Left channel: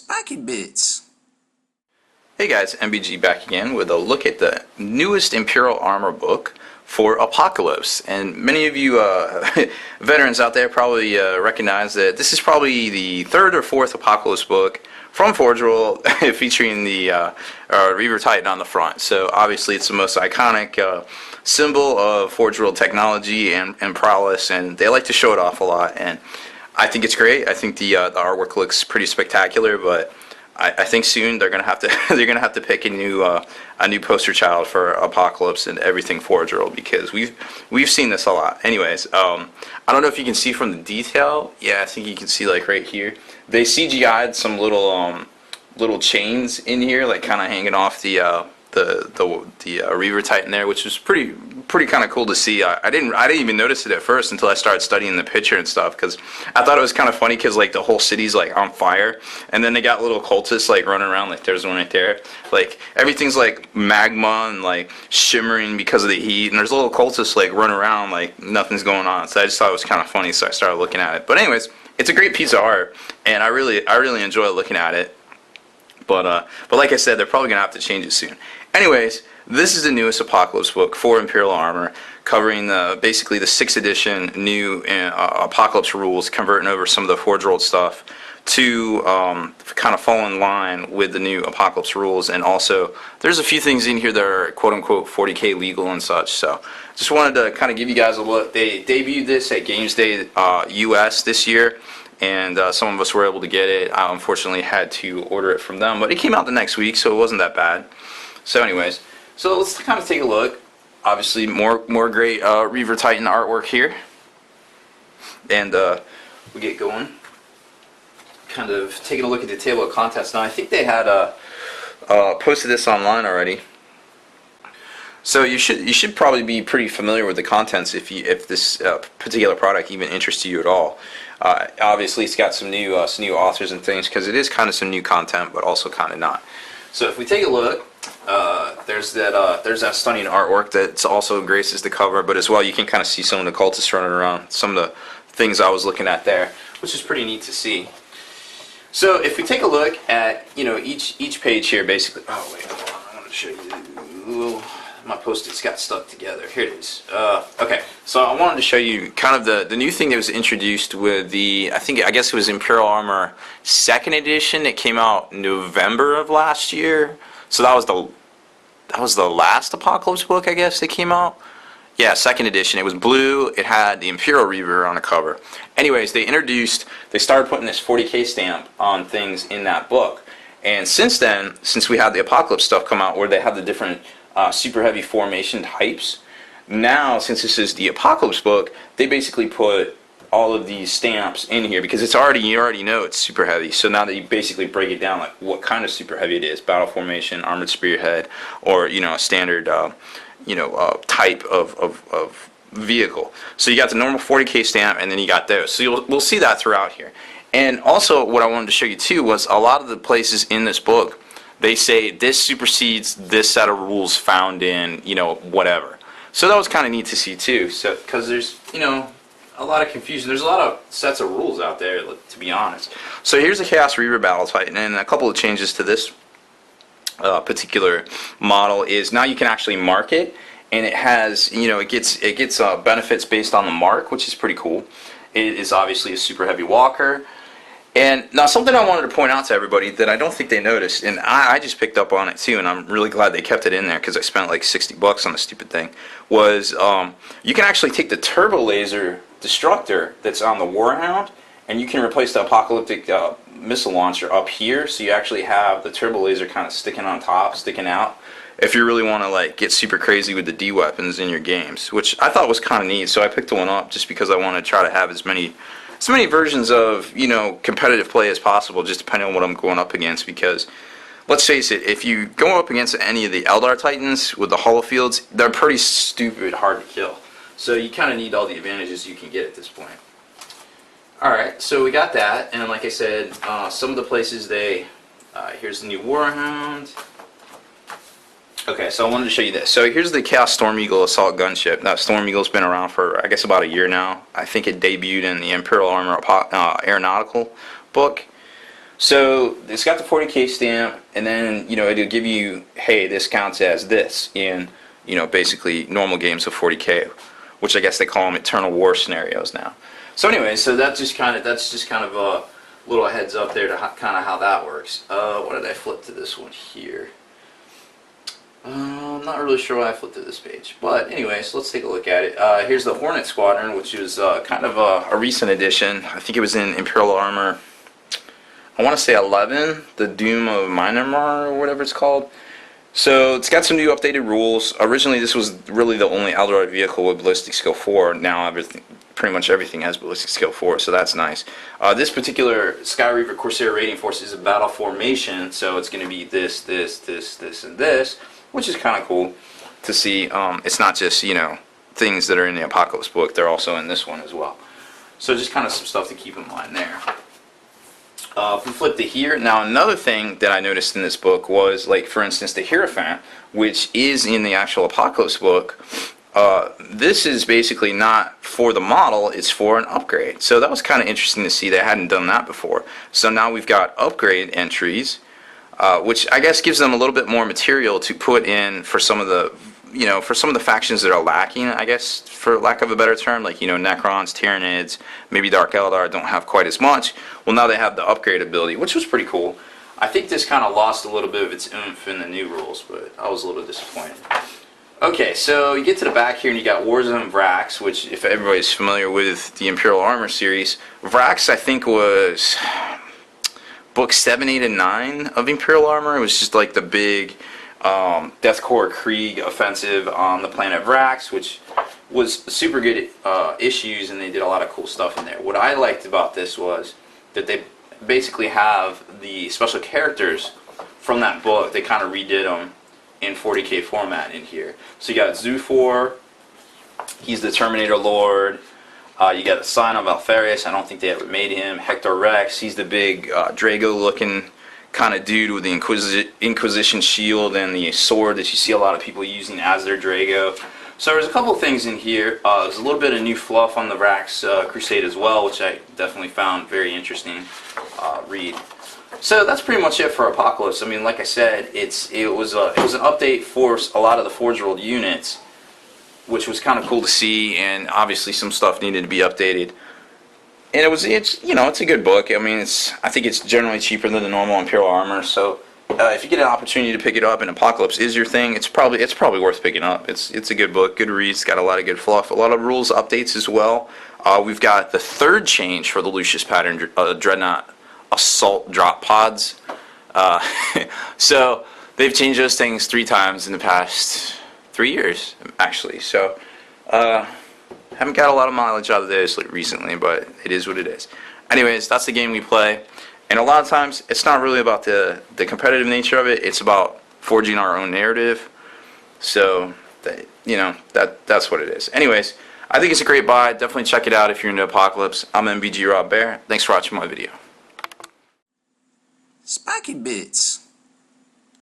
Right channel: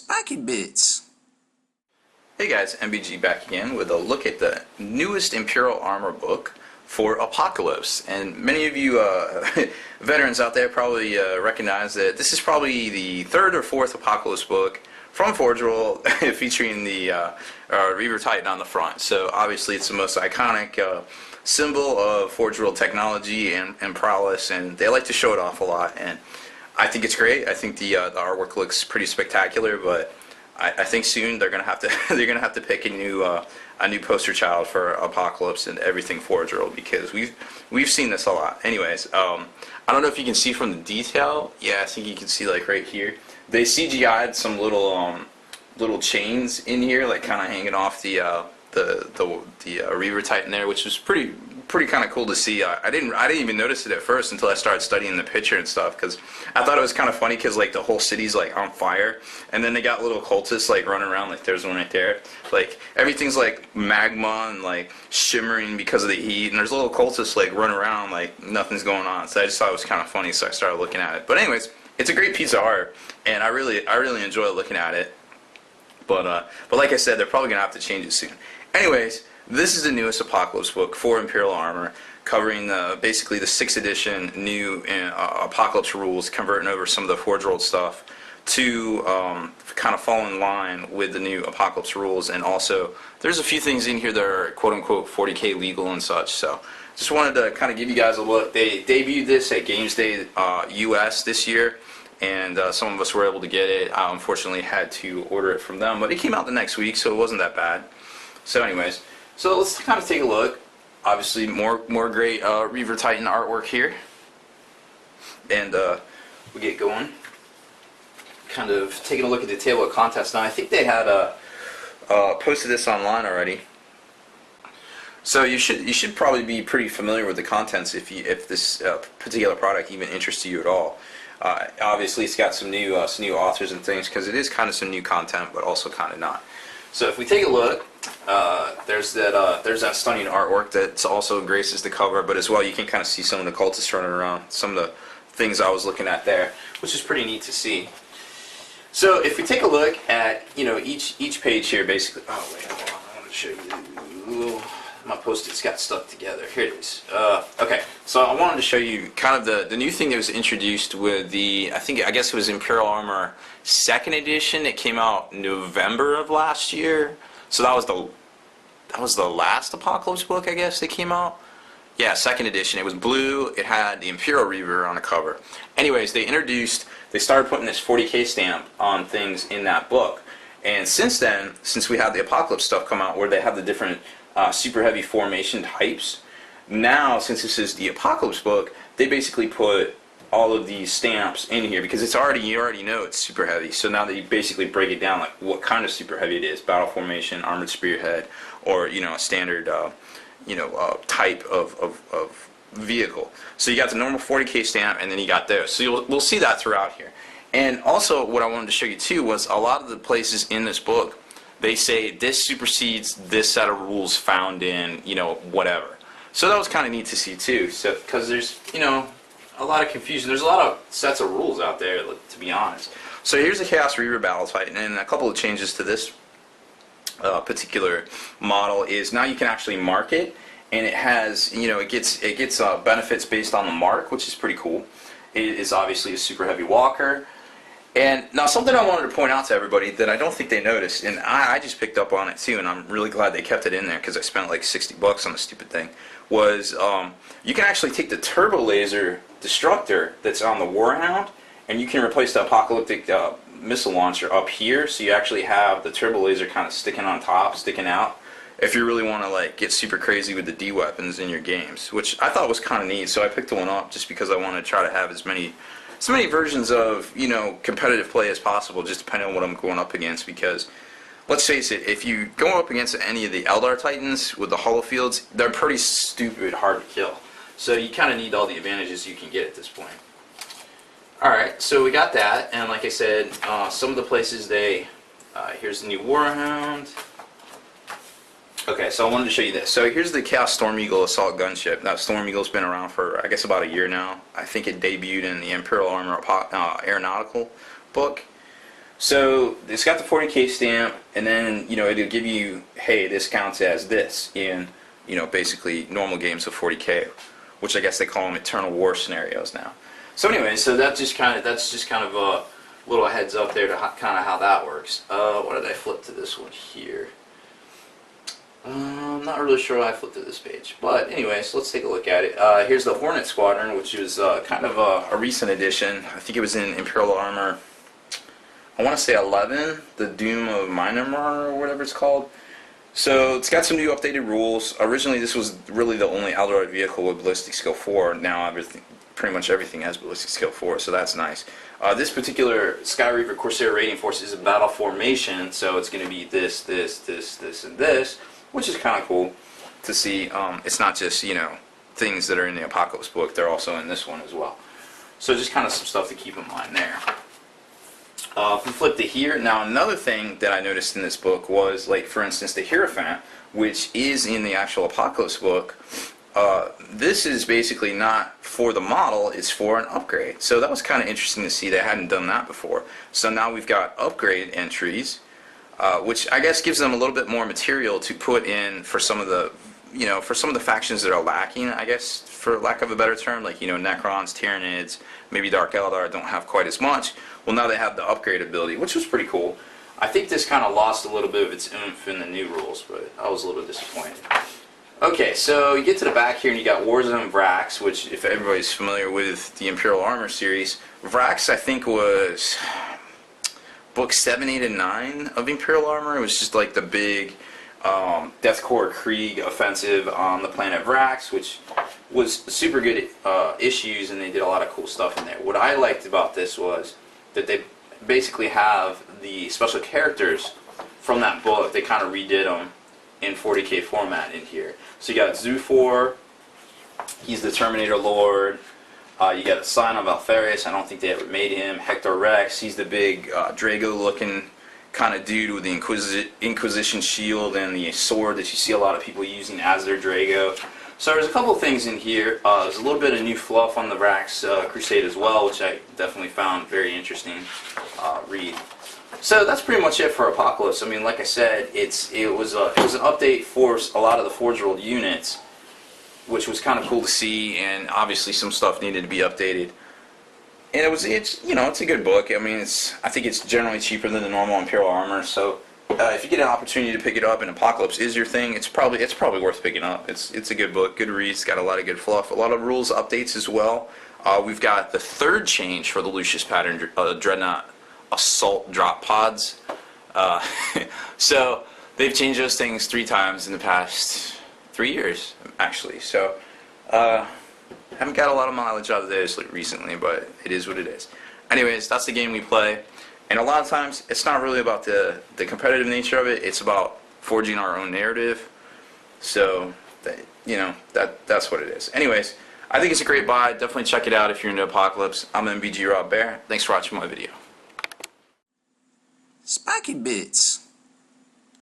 Spiky Bits. Hey guys, MBG back again with a look at the newest Imperial Armor book for Apocalypse. And many of you veterans out there probably recognize that this is probably the third or fourth Apocalypse book from Forge World featuring the Reaver Titan on the front. So obviously it's the most iconic symbol of Forge World technology and prowess, and they like to show it off a lot. And I think it's great. I think the artwork looks pretty spectacular, but I think soon they're gonna have to pick a new poster child for Apocalypse and everything Forge World, because we've seen this a lot. Anyways, I don't know if you can see from the detail. Yeah, I think you can see like right here. They CGI'd some little chains in here, like kind of hanging off the Reaver Titan there, which was pretty kind of cool to see. I didn't even notice it at first until I started studying the picture and stuff, because I thought it was kind of funny because like the whole city's like on fire, and then they got little cultists like running around, like there's one right there, like everything's like magma and like shimmering because of the heat, and there's little cultists like running around like nothing's going on. So I just thought it was kind of funny, so I started looking at it. But anyways, it's a great piece of art, and I really enjoy looking at it. But like I said, they're probably gonna have to change it soon. Anyways, this is the newest Apocalypse book for Imperial Armor, covering basically the 6th edition new Apocalypse rules, converting over some of the Forge World stuff to kind of fall in line with the new Apocalypse rules. And also, there's a few things in here that are quote-unquote 40K legal and such. So, just wanted to kind of give you guys a look. They debuted this at Games Day US this year, and some of us were able to get it. I unfortunately had to order it from them, but it came out the next week, so it wasn't that bad. So anyways, so let's kind of take a look. Obviously more great Reaver Titan artwork here. And we get going. Kind of taking a look at the table of contents. Now I think they had posted this online already. So you should probably be pretty familiar with the contents if this particular product even interests you at all. Obviously it's got some new authors and things, because it is kind of some new content, but also kind of not. So if we take a look, there's that stunning artwork that also graces the cover, but as well you can kind of see some of the cultists running around, some of the things I was looking at there, which is pretty neat to see. So if we take a look at each page here, basically. Oh wait, hold on, I want to show you. My Post-its got stuck together. Here it is. Okay, so I wanted to show you kind of the new thing that was introduced with the, I guess it was Imperial Armor 2nd edition. It came out November of last year. So that was the last Apocalypse book, I guess, that came out. Yeah, 2nd edition. It was blue. It had the Imperial Reaver on the cover. Anyways, they started putting this 40K stamp on things in that book. And since then, since we had the Apocalypse stuff come out where they have the different super heavy formation types, now since this is the Apocalypse book, they basically put all of these stamps in here, because you already know it's super heavy. So now they basically break it down, like what kind of super heavy it is: battle formation, armored spearhead, or a standard type of vehicle. So you got the normal 40K stamp, and then you got those. So we'll see that throughout here. And also what I wanted to show you too was a lot of the places in this book, they say this supersedes this set of rules found in whatever. So that was kind of neat to see too. So because there's a lot of confusion. There's a lot of sets of rules out there, to be honest. So here's the Chaos Reaver Battle Titan, and a couple of changes to this particular model is now you can actually mark it, and it has it gets benefits based on the mark, which is pretty cool. It is obviously a super heavy walker. And now something I wanted to point out to everybody that I don't think they noticed, and I just picked up on it too, and I'm really glad they kept it in there because I spent like $60 on the stupid thing, was you can actually take the turbo laser destructor that's on the Warhound, and you can replace the apocalyptic missile launcher up here, so you actually have the turbo laser kind of sticking on top, sticking out, if you really want to like get super crazy with the D weapons in your games, which I thought was kind of neat. So I picked one up just because I want to try to have as many versions of competitive play as possible, just depending on what I'm going up against. Because let's face it, if you go up against any of the Eldar Titans with the holofields, they're pretty stupid hard to kill. So you kind of need all the advantages you can get at this point. Alright, so we got that, and like I said, some of the places here's the new Warhound. Okay, so I wanted to show you this. So here's the Chaos Storm Eagle Assault Gunship. Now, Storm Eagle's been around for, I guess, about a year now. I think it debuted in the Imperial Armor Aeronautical book. So it's got the 40K stamp, and then it'll give you, hey, this counts as this in basically normal games of 40K, which I guess they call them Eternal War scenarios now. So anyway, so that's just kind of a little heads up there to kind of how that works. What did I flip to this one here? I'm not really sure why I flipped to this page, but anyways, let's take a look at it. Here's the Hornet Squadron, which is kind of a recent addition. I think it was in Imperial Armor, I want to say 11, the Doom of Myanmar or whatever it's called. So it's got some new updated rules. Originally this was really the only Eldorado vehicle with ballistic skill 4. Now pretty much everything has ballistic skill 4, so that's nice. This particular Sky Reaver Corsair raiding force is a battle formation, so it's going to be this, and this, which is kind of cool to see. It's not just, things that are in the Apocalypse book, they're also in this one as well. So just kind of some stuff to keep in mind there. If we flip to here, now another thing that I noticed in this book was, like, for instance, the Hierophant, which is in the actual Apocalypse book. This is basically not for the model, it's for an upgrade. So that was kind of interesting to see. They hadn't done that before. So now we've got upgrade entries, which I guess gives them a little bit more material to put in for some of the, for some of the factions that are lacking, I guess, for lack of a better term, like, Necrons, Tyranids, maybe Dark Eldar don't have quite as much. Well, now they have the upgrade ability, which was pretty cool. I think this kind of lost a little bit of its oomph in the new rules, but I was a little disappointed. Okay, so you get to the back here and you got Warzone Racks, which, if everybody's familiar with the Imperial Armor series, Racks I think was book 7, 8, and 9 of Imperial Armor. It was just like the big Death Korps Krieg offensive on the planet Racks, which was super good issues, and they did a lot of cool stuff in there. What I liked about this was that they basically have the special characters from that book. They kind of redid them in 40K format in here. So you got Zoofor, he's the Terminator Lord. You got the Scion of Alpharius, I don't think they ever made him. Hector Rex, he's the big Drago looking kind of dude with the Inquisition shield and the sword that you see a lot of people using as their Drago. So there's a couple of things in here. There's a little bit of new fluff on the Rax Crusade as well, which I definitely found very interesting read. So that's pretty much it for Apocalypse. I mean, like I said, it was an update for a lot of the Forge World units, which was kind of cool to see, and obviously some stuff needed to be updated. And it's a good book. I mean, I think it's generally cheaper than the normal Imperial Armor. So if you get an opportunity to pick it up and Apocalypse is your thing, it's probably worth picking up. It's a good book, good read. It's got a lot of good fluff, a lot of rules updates as well. We've got the third change for the Lucius pattern, Dreadnought Assault Drop Pods. So they've changed those things 3 times in the past 3 years, actually. So haven't got a lot of mileage out of this recently, but it is what it is. Anyways, that's the game we play. And a lot of times, it's not really about the competitive nature of it. It's about forging our own narrative. So, that's what it is. Anyways, I think it's a great buy. Definitely check it out if you're into Apocalypse. I'm MBG Rob Bear. Thanks for watching my video. Spiky Bits.